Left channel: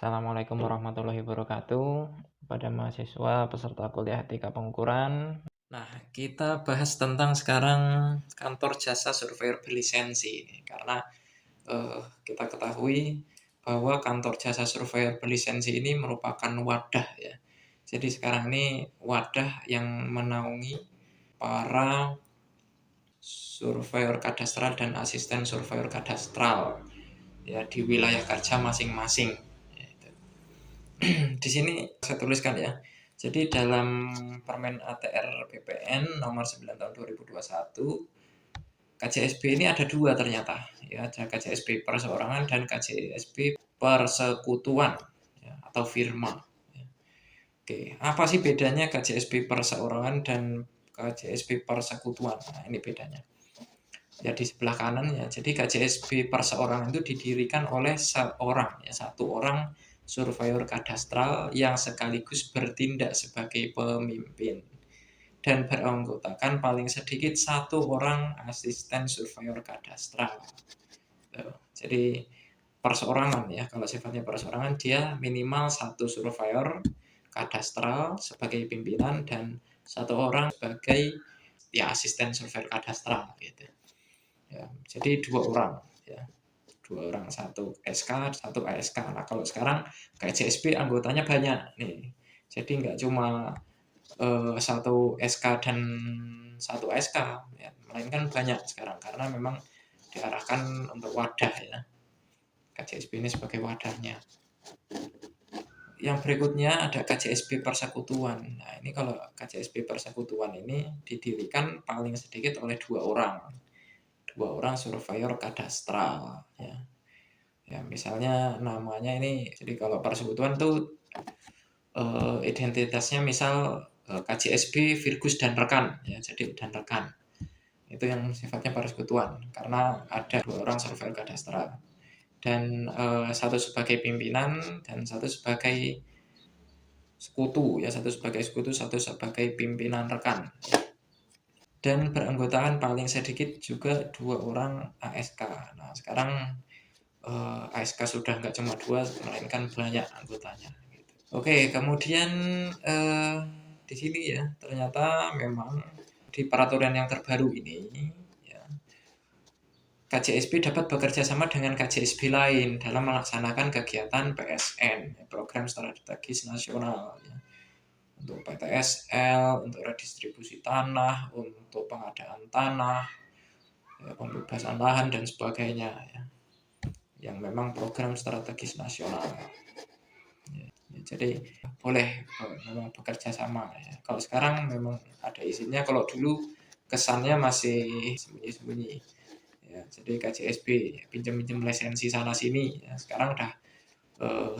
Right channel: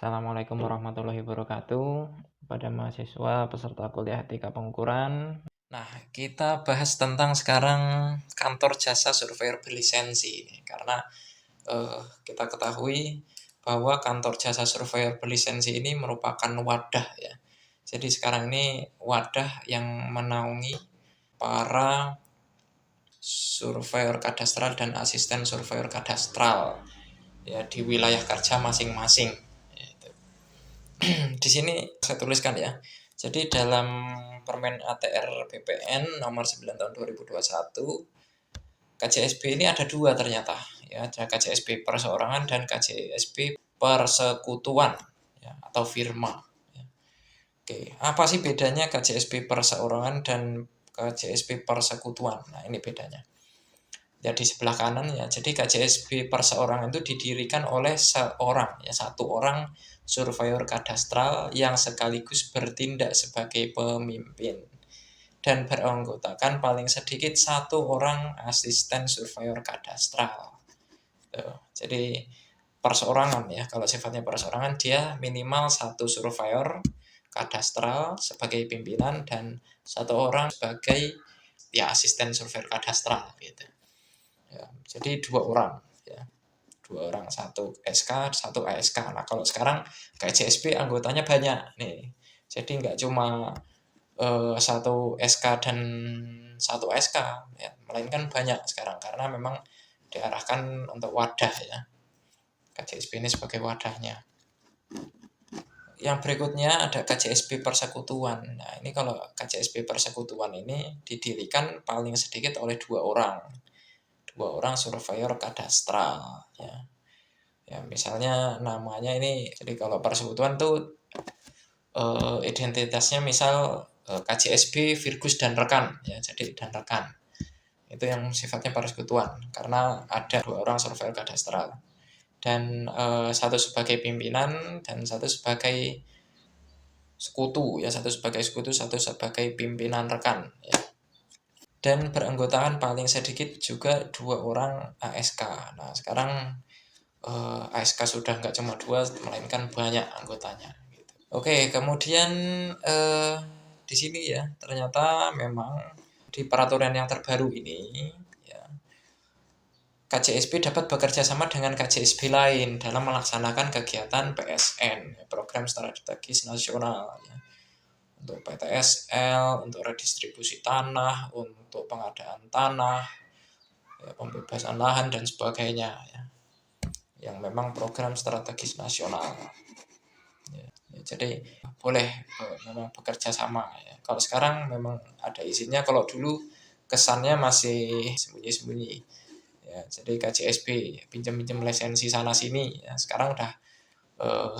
Assalamualaikum warahmatullahi wabarakatuh. Pada mahasiswa peserta kuliah etika pengukuran. Nah, kita bahas tentang sekarang kantor jasa surveyor berlisensi. Karena kita ketahui bahwa kantor jasa surveyor berlisensi ini merupakan wadah ya. Jadi sekarang ini wadah yang menaungi para surveyor kadastral dan asisten surveyor kadastral ya di wilayah kerja masing-masing. Di sini saya tuliskan ya. Jadi dalam Permen ATR BPN nomor 9 tahun 2021, KJSB ini ada dua ternyata ya, ada KJSB perseorangan dan KJSB persekutuan ya, atau firma. Ya. Oke, apa sih bedanya KJSB perseorangan dan KJSB persekutuan? Nah, ini bedanya. Ya di sebelah kanan ya. Jadi KJSB perseorangan itu didirikan oleh seorang ya, satu orang surveyor kadastral yang sekaligus bertindak sebagai pemimpin dan beranggotakan paling sedikit satu orang asisten surveyor kadastral. Jadi perseorangan ya, kalau sifatnya perseorangan dia minimal satu surveyor kadastral sebagai pimpinan dan satu orang sebagai ya asisten surveyor kadastral gitu. Ya, jadi dua orang ya, satu SK satu ASK. Nah kalau sekarang KJSB anggotanya banyak nih, jadi nggak cuma satu SK dan satu ASK ya, melainkan banyak sekarang karena memang diarahkan untuk wadah ya, KJSB ini sebagai wadahnya. Yang berikutnya ada KJSB persekutuan. Nah ini kalau KJSB persekutuan ini didirikan paling sedikit oleh dua orang surveyor kadastral ya. Ya misalnya namanya ini, jadi kalau persekutuan tuh identitasnya misal KJSB Virgus dan rekan ya, jadi dan rekan itu yang sifatnya persekutuan karena ada dua orang surveyor kadastral dan satu sebagai pimpinan dan satu sebagai sekutu ya, satu sebagai sekutu, satu sebagai pimpinan rekan ya. Dan beranggotakan paling sedikit juga dua orang ASK. Nah sekarang ASK sudah nggak cuma dua, melainkan banyak anggotanya. Gitu. Oke, kemudian di sini ya ternyata memang di peraturan yang terbaru ini ya, KJSB dapat bekerja sama dengan KJSB lain dalam melaksanakan kegiatan PSN, program strategis nasional. Ya. Untuk PTSL, untuk redistribusi tanah, untuk pengadaan tanah, ya, pembebasan lahan dan sebagainya ya, yang memang program strategis nasional ya, jadi boleh memang bekerja sama ya. Kalau sekarang memang ada izinnya, kalau dulu kesannya masih sembunyi-sembunyi ya, jadi KJSB pinjam-pinjam lisensi sana sini ya, sekarang udah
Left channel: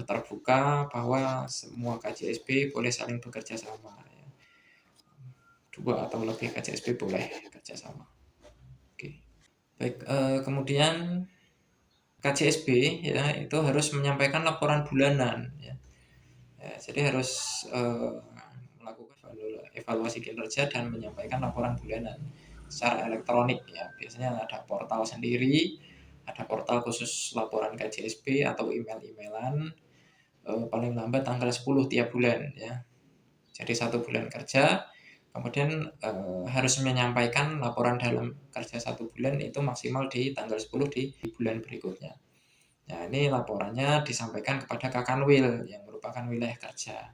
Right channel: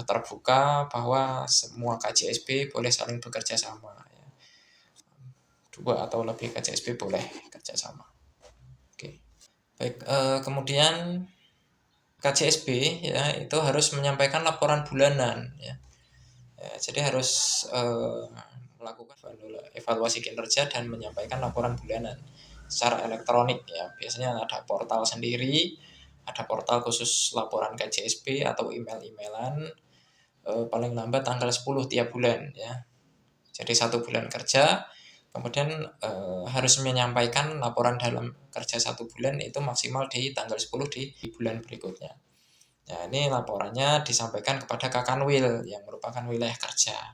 terbuka bahwa semua KJSB boleh saling bekerja sama ya. Dua atau lebih KJSB boleh kerja sama. Oke. Baik, kemudian KJSB ya itu harus menyampaikan laporan bulanan ya. Ya jadi harus melakukan evaluasi kinerja dan menyampaikan laporan bulanan secara elektronik ya. Biasanya ada portal sendiri, ada portal khusus laporan KJSB atau email-emailan paling lambat tanggal 10 tiap bulan ya. Jadi 1 bulan kerja, kemudian harus menyampaikan laporan dalam kerja 1 bulan itu maksimal di tanggal 10 di bulan berikutnya. Nah ini laporannya disampaikan kepada Kakanwil yang merupakan wilayah kerja.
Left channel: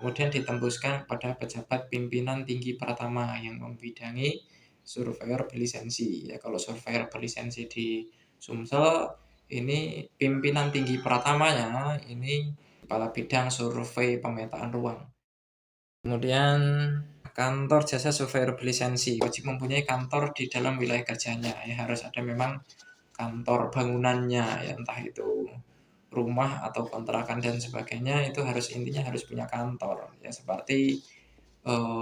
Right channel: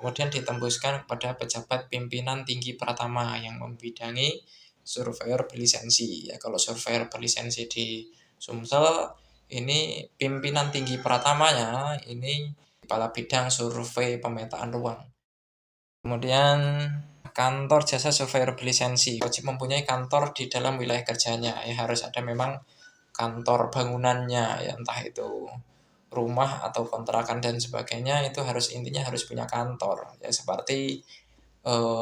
Kemudian ditembuskan kepada pejabat pimpinan tinggi pratama yang membidangi surveyor berlisensi. Ya kalau surveyor berlisensi di Sumsel ini pimpinan tinggi pratamanya ini kepala bidang survei pemetaan ruang. Kemudian kantor jasa surveyor berlisensi wajib mempunyai kantor di dalam wilayah kerjanya. Ya harus ada memang kantor bangunannya ya, entah itu rumah atau kontrakan dan sebagainya, itu harus intinya harus punya kantor ya, seperti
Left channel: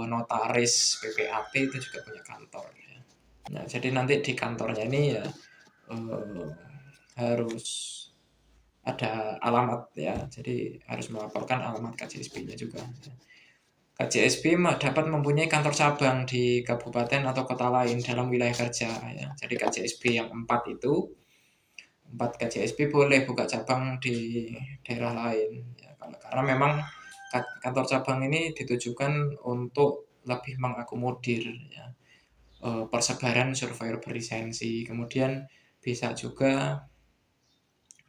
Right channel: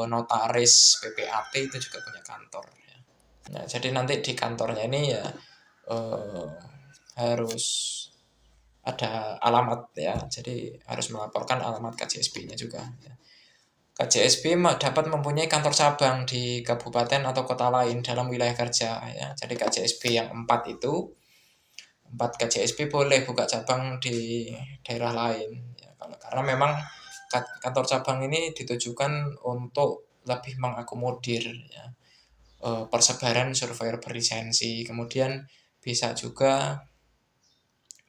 notaris PPAP itu juga punya kantor ya. Nah jadi nanti di kantornya ini ya harus ada alamat ya, jadi harus melaporkan alamat KJSB-nya juga ya. KJSB dapat mempunyai kantor cabang di kabupaten atau kota lain dalam wilayah kerja ya. Jadi KJSB yang 4 itu tempat KJSP boleh buka cabang di daerah lain ya, karena memang kantor cabang ini ditujukan untuk lebih mengakomodir ya, persebaran surveyor berlisensi, kemudian bisa juga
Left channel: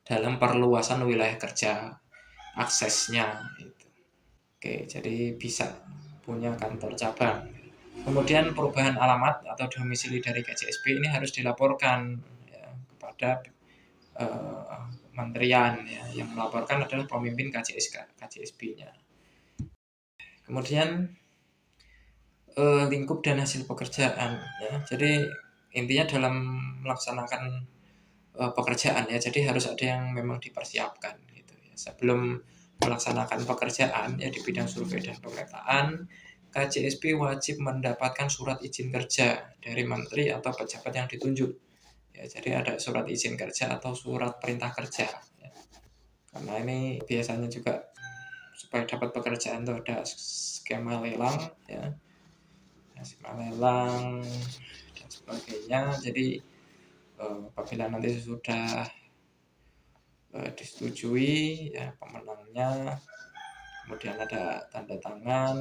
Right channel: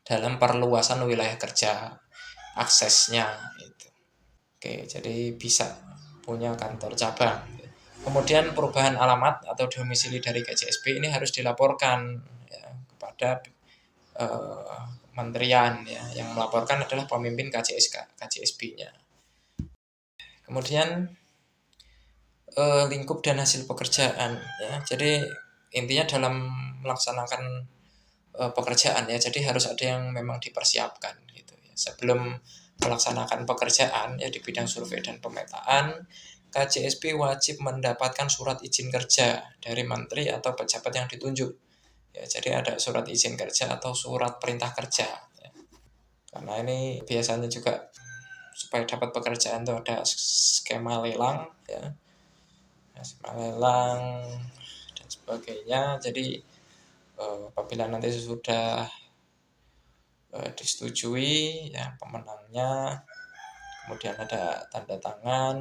dalam perluasan wilayah kerja aksesnya itu. Oke, jadi bisa punya kantor cabang. Kemudian perubahan alamat atau domisili dari KJSP ini harus dilaporkan ya, kepada kementerian ya. Yang melaporkan adalah pemimpin KJSP-nya. Kemudian lingkup dan hasil pekerjaan ya. Jadi intinya dalam melaksanakan pekerjaan ya, jadi harus ada yang memang dipersiapkan gitu ya. Sebelum melaksanakan pekerjaan ya di bidang survei dan pemetaan, KJSP wajib mendapatkan surat izin kerja dari menteri atau pejabat yang ditunjuk. Ya, jadi ada surat izin kerja atau surat perintah kerja. Ya. Karena ini biasanya juga supaya dapat pekerjaan itu ada skema lelang ya, skema lelang dan sebagainya. Jadi apabila nanti sudah disetujui ya pemenangnya, kemudian ada tanda tangan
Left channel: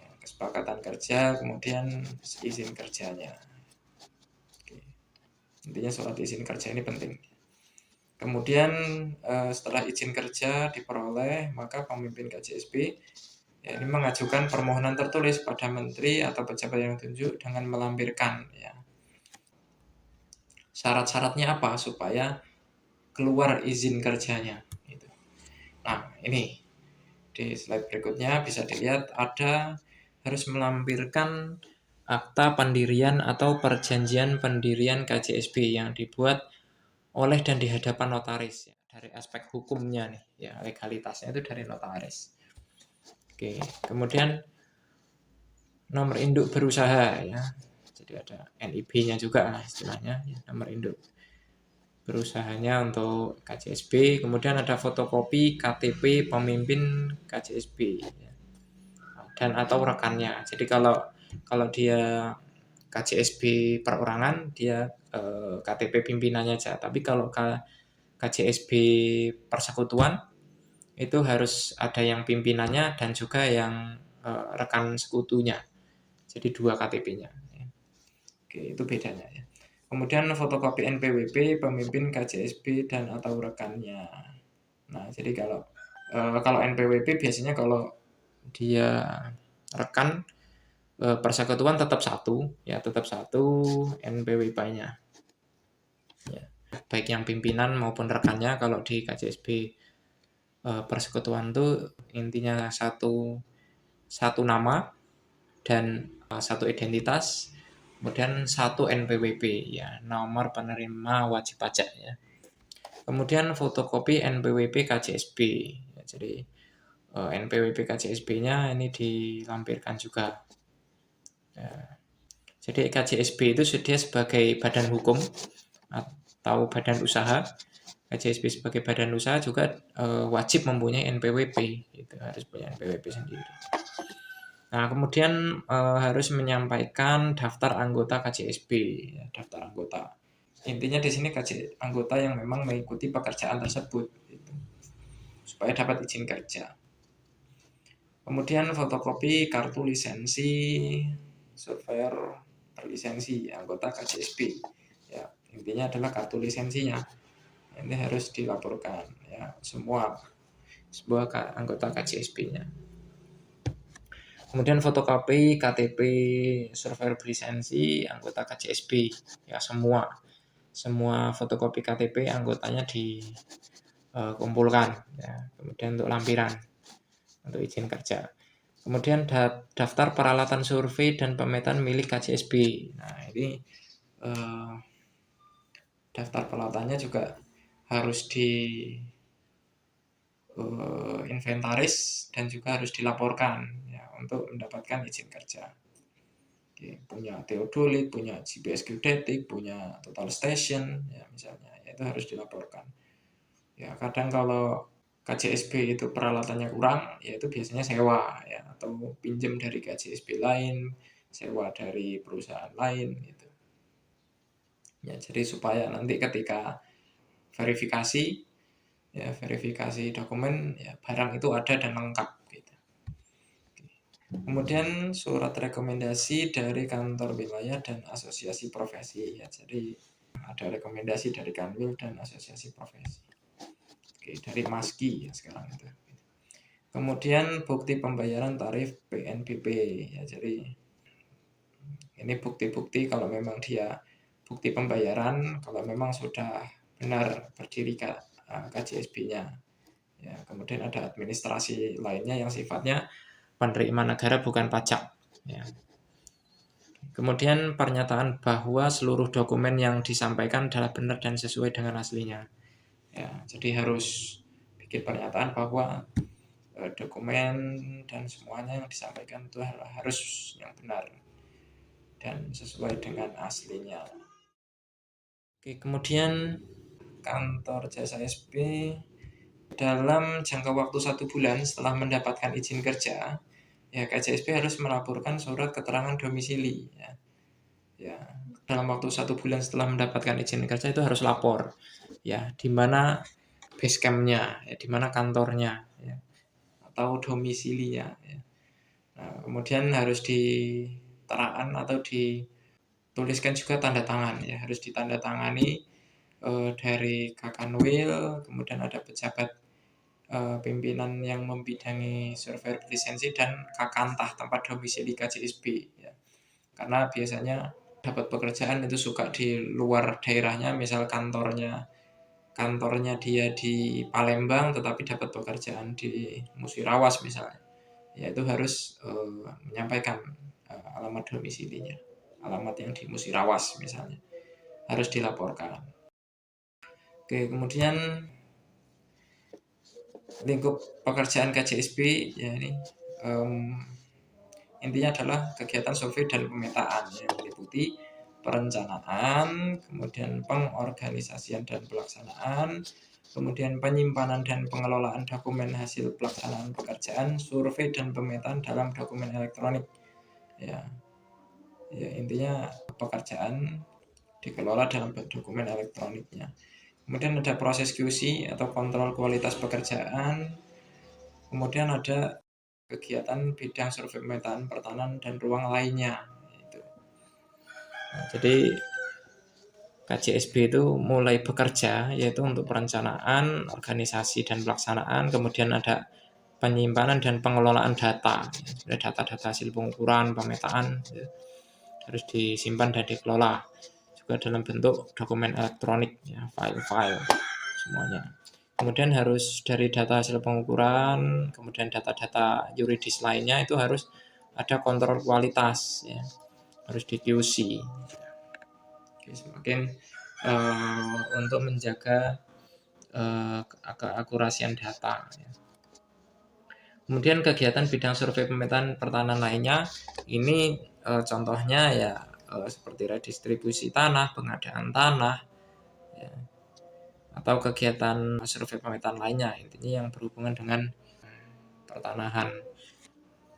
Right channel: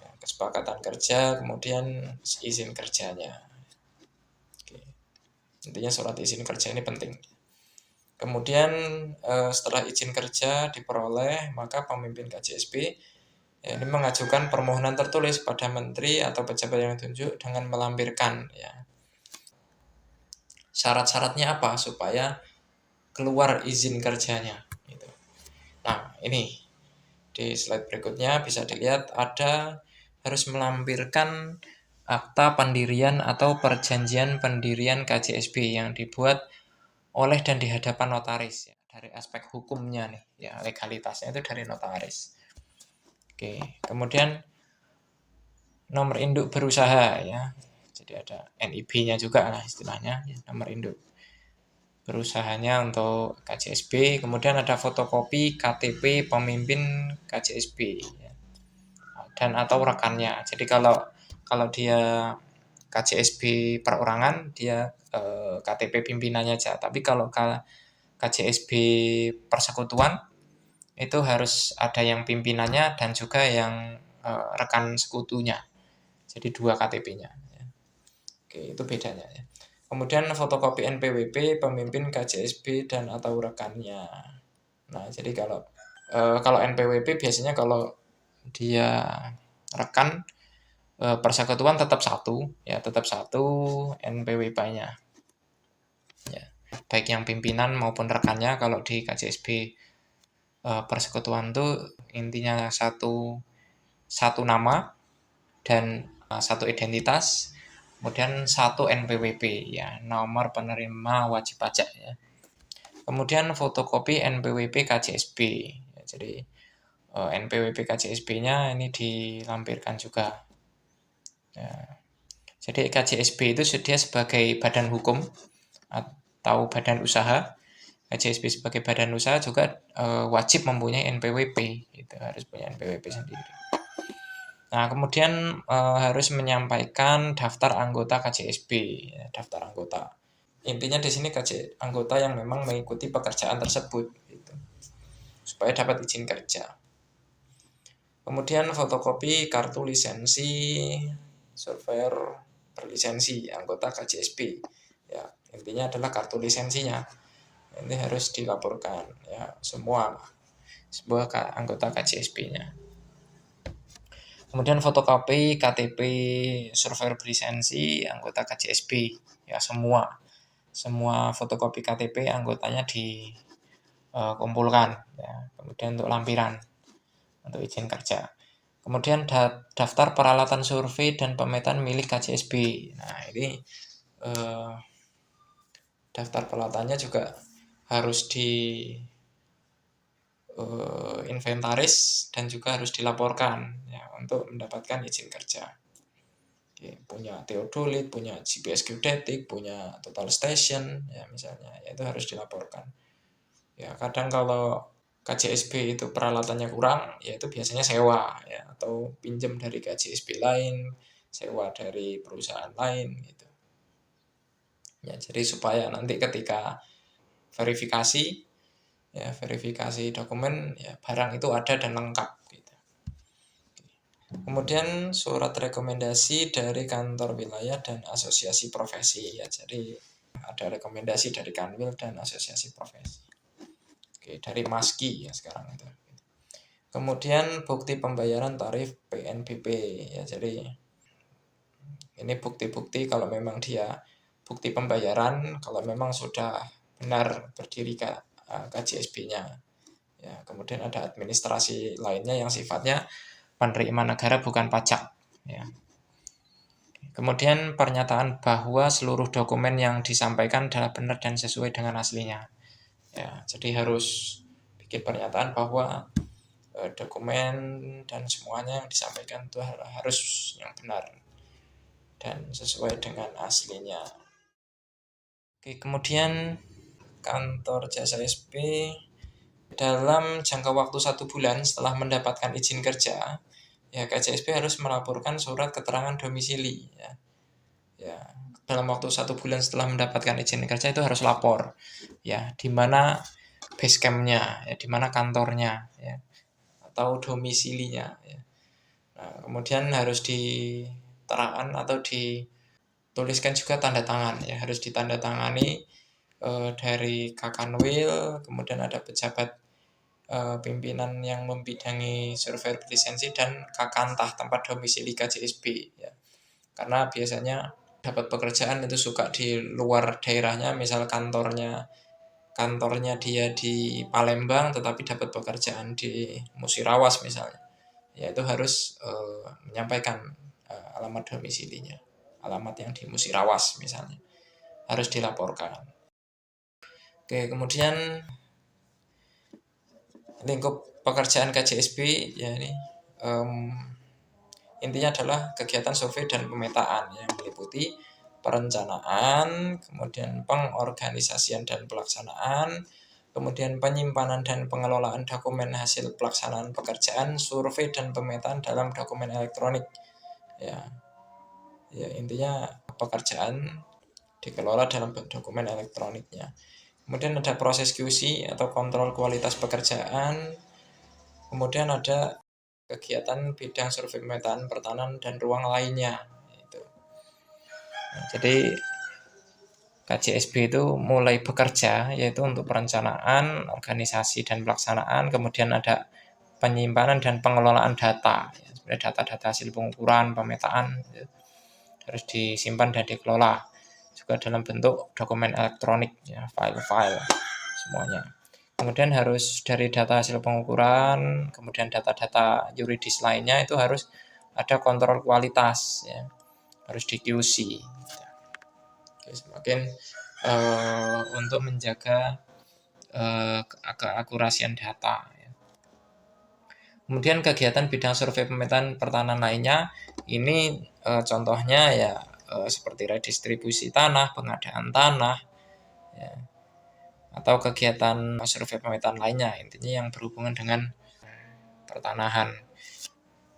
ya, kesepakatan kerja, kemudian izin kerjanya. Oke. Intinya surat izin kerja ini penting. Kemudian setelah izin kerja diperoleh, maka pemimpin KJSP ya, ini mengajukan permohonan tertulis pada menteri atau pejabat yang ditunjuk dengan melampirkan ya syarat-syaratnya apa supaya keluar izin kerjanya. Gitu. Nah ini di slide berikutnya bisa dilihat ada harus melampirkan akta pendirian atau perjanjian pendirian KJSP yang dibuat oleh dan di hadapan notaris ya. Dari aspek hukumnya nih ya, legalitasnya itu dari notaris. Oke, kemudian nomor induk berusaha ya. Jadi ada NIB-nya juga lah istilahnya ya, nomor induk berusahanya untuk KJSP. Kemudian ada fotokopi KTP pemimpin KJSP ya, dan atau rekannya. Jadi kalau dia KJSP perorangan dia KTP pimpinannya aja. Tapi kalau KJSP persekutuan itu harus ada yang pimpinannya dan juga yang rekan sekutunya. Jadi 2 KTP-nya. Oke, itu bedanya ya. Kemudian fotokopi NPWP pemimpin KJSP dan atau rekannya. Nah, jadi kalau NPWP biasanya kalau dia rekan persekutuan tetap satu ya, tetap satu NPWP-nya. Ya, baik yang pimpinan maupun rekannya. Kalau di KJSP persekutuan itu intinya satu nama dan satu identitas, kemudian satu NPWP ya, nomor penerima wajib pajak ya. Kemudian fotokopi NPWP KJSP ya, jadi NPWP KJSP-nya ini dilampirkan juga ya. Jadi KJSP itu dia sebagai badan hukum atau badan usaha. KJSP sebagai badan usaha juga wajib mempunyai NPWP, itu harus punya NPWP sendiri. Nah, kemudian harus menyampaikan daftar anggota KJSP, ya, daftar anggota. Intinya di sini anggota yang memang mengikuti pekerjaan tersebut, gitu, supaya dapat izin kerja. Kemudian fotokopi kartu lisensi surveyor berlisensi anggota KJSP. Ya, intinya adalah kartu lisensinya. Ini harus dilaporkan ya semua anggota KJSP-nya. Kemudian fotokopi KTP surveyor berlisensi anggota KJSP ya, semua fotokopi KTP anggotanya dikumpulkan ya. Kemudian untuk lampiran untuk izin kerja. Kemudian daftar peralatan survei dan pemetaan milik KJSP. Nah, ini daftar peralatannya juga harus inventaris dan juga harus dilaporkan ya, untuk mendapatkan izin kerja. Oke, punya theodolit, punya GPS geodetik, punya total station ya misalnya, ya, itu harus dilaporkan. Ya, kadang kalau KJSP itu peralatannya kurang, ya itu biasanya sewa ya, atau pinjam dari KJSP lain, sewa dari perusahaan lain gitu. Ya, Ya, jadi supaya nanti ketika verifikasi dokumen ya barang itu ada dan lengkap gitu. Kemudian surat rekomendasi dari kantor wilayah dan asosiasi profesi ya. Jadi ada rekomendasi dari Kanwil dan asosiasi profesi. Oke, dari Maski ya sekarang itu. Kemudian bukti pembayaran tarif PNBP ya. Jadi ini bukti-bukti kalau memang dia bukti pembayaran kalau memang sudah benar berdiri KJSB-nya. Ya, kemudian ada administrasi lainnya yang sifatnya penerimaan negara bukan pajak. Ya. Kemudian pernyataan bahwa seluruh dokumen yang disampaikan adalah benar dan sesuai dengan aslinya. Ya, jadi harus bikin pernyataan bahwa dokumen dan semuanya yang disampaikan itu harus yang benar dan sesuai dengan aslinya. Oke, kemudian kantor jasa SP dalam jangka waktu 1 bulan setelah mendapatkan izin kerja, ya KJSP harus melaporkan surat keterangan domisili. Ya, dalam waktu 1 bulan setelah mendapatkan izin kerja itu harus lapor, ya di mana base camp-nya, ya di mana kantornya, ya atau domisilinya. Ya. Nah, kemudian harus diterangkan atau dituliskan juga tanda tangan, ya harus ditandatangani dari Kakanwil, kemudian ada pejabat pimpinan yang membidangi survei lisensi dan Kakantah tempat domisili KJSB ya. Karena biasanya dapat pekerjaan itu suka di luar daerahnya, misal kantornya dia di Palembang tetapi dapat pekerjaan di Musirawas misalnya. Ya itu harus menyampaikan alamat domisilinya, alamat yang di Musirawas misalnya. Harus dilaporkan. Oke, kemudian lingkup pekerjaan KJSB ya ini intinya adalah kegiatan survei dan pemetaan yang meliputi perencanaan, kemudian pengorganisasian dan pelaksanaan, kemudian penyimpanan dan pengelolaan dokumen hasil pelaksanaan pekerjaan, survei dan pemetaan dalam dokumen elektronik. Ya intinya pekerjaan dikelola dalam dokumen elektroniknya. Kemudian ada proses QC atau kontrol kualitas pekerjaan. Kemudian ada kegiatan bidang survei pemetaan pertahanan dan ruang lainnya. Nah, jadi KJSB itu mulai bekerja yaitu untuk perencanaan, organisasi dan pelaksanaan, kemudian ada penyimpanan dan pengelolaan data. Data-data hasil pengukuran, pemetaan harus disimpan dan dikelola juga dalam bentuk dokumen elektronik, ya, file-file semuanya. Kemudian harus dari data hasil pengukuran, kemudian data-data yuridis lainnya itu harus ada kontrol kualitas, ya, harus di QC. Oke, semakin untuk menjaga keakurasian data. Ya. Kemudian kegiatan bidang survei pemetaan pertahanan lainnya ini contohnya ya seperti redistribusi tanah, pengadaan tanah, ya, atau kegiatan survei pemetaan lainnya, intinya yang berhubungan dengan pertanahan.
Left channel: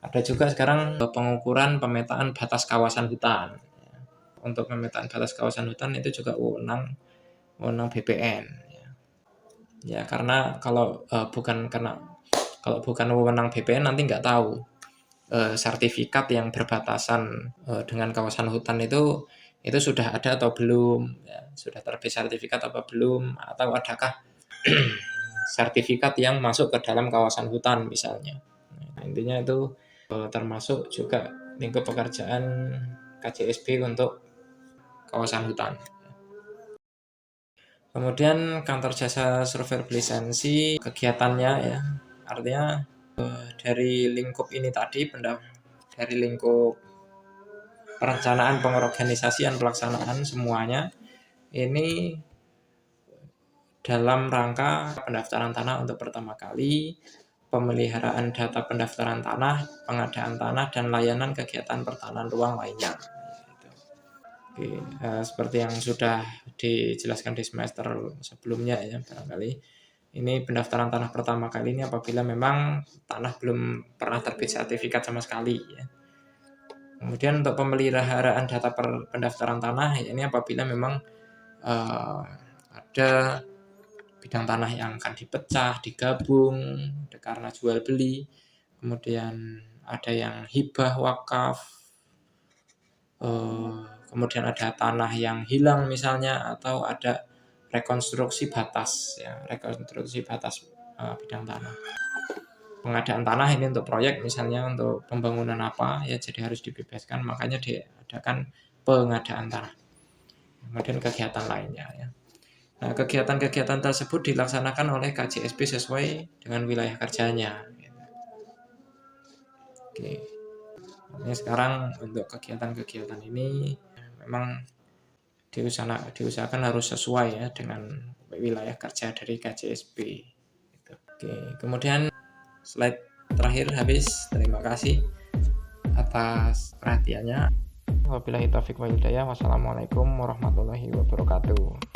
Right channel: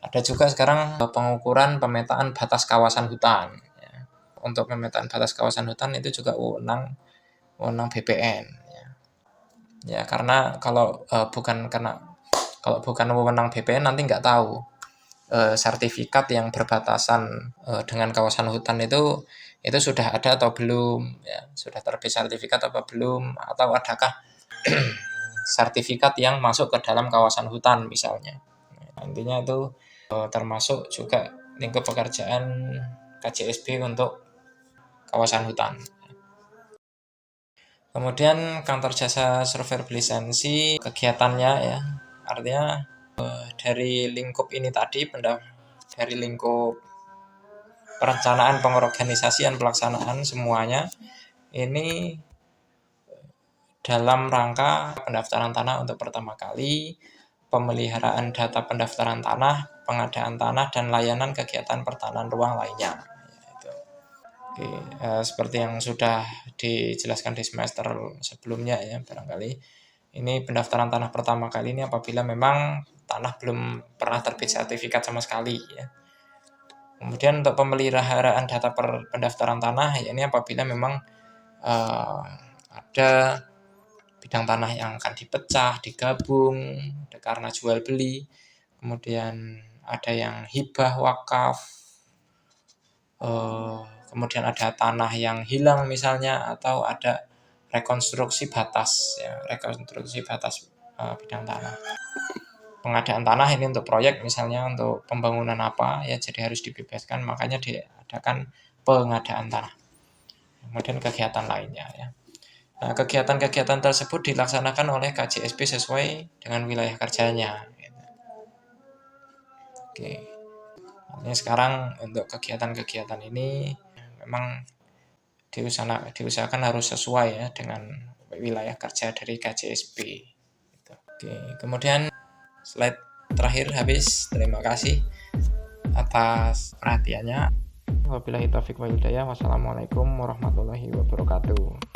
Ada juga sekarang pengukuran pemetaan batas kawasan hutan. Ya. Untuk pemetaan batas kawasan hutan itu juga wewenang BPN. Ya karena kalau bukan wewenang BPN nanti nggak tahu sertifikat yang berbatasan dengan kawasan hutan itu sudah ada atau belum, ya, sudah terbit sertifikat apa belum, atau adakah sertifikat yang masuk ke dalam kawasan hutan misalnya. Nah, intinya itu termasuk juga lingkup pekerjaan KJSB untuk kawasan hutan. Kemudian kantor jasa survei lisensi kegiatannya ya, artinya dari lingkup ini tadi, dari lingkup perencanaan, pengorganisasian, pelaksanaan semuanya ini dalam rangka pendaftaran tanah untuk pertama kali, pemeliharaan data pendaftaran tanah, pengadaan tanah, dan layanan kegiatan pertahanan ruang lainnya. Oke, seperti yang sudah dijelaskan di semester sebelumnya ya barangkali. Ini pendaftaran tanah pertama kali ini apabila memang tanah belum pernah terbit sertifikat sama sekali ya. Kemudian untuk pemeliharaan data pendaftaran tanah ya ini apabila memang ada bidang tanah yang akan dipecah, digabung karena jual beli, kemudian ada yang hibah wakaf, kemudian ada tanah yang hilang misalnya, atau ada rekonstruksi batas bidang tanah. Pengadaan tanah ini untuk proyek misalnya, untuk pembangunan apa ya, jadi harus dibebaskan, makanya diadakan pengadaan tanah. Kemudian kegiatan lainnya ya. Nah, kegiatan-kegiatan tersebut dilaksanakan oleh KJSP sesuai dengan wilayah kerjanya. Oke. Ini sekarang untuk kegiatan-kegiatan ini memang diusahakan harus sesuai ya dengan wilayah kerja dari KJSP. Oke, kemudian slide terakhir habis. Terima kasih atas perhatiannya. Wabillahi taufiq wal hidayah. Wassalamualaikum warahmatullahi wabarakatuh.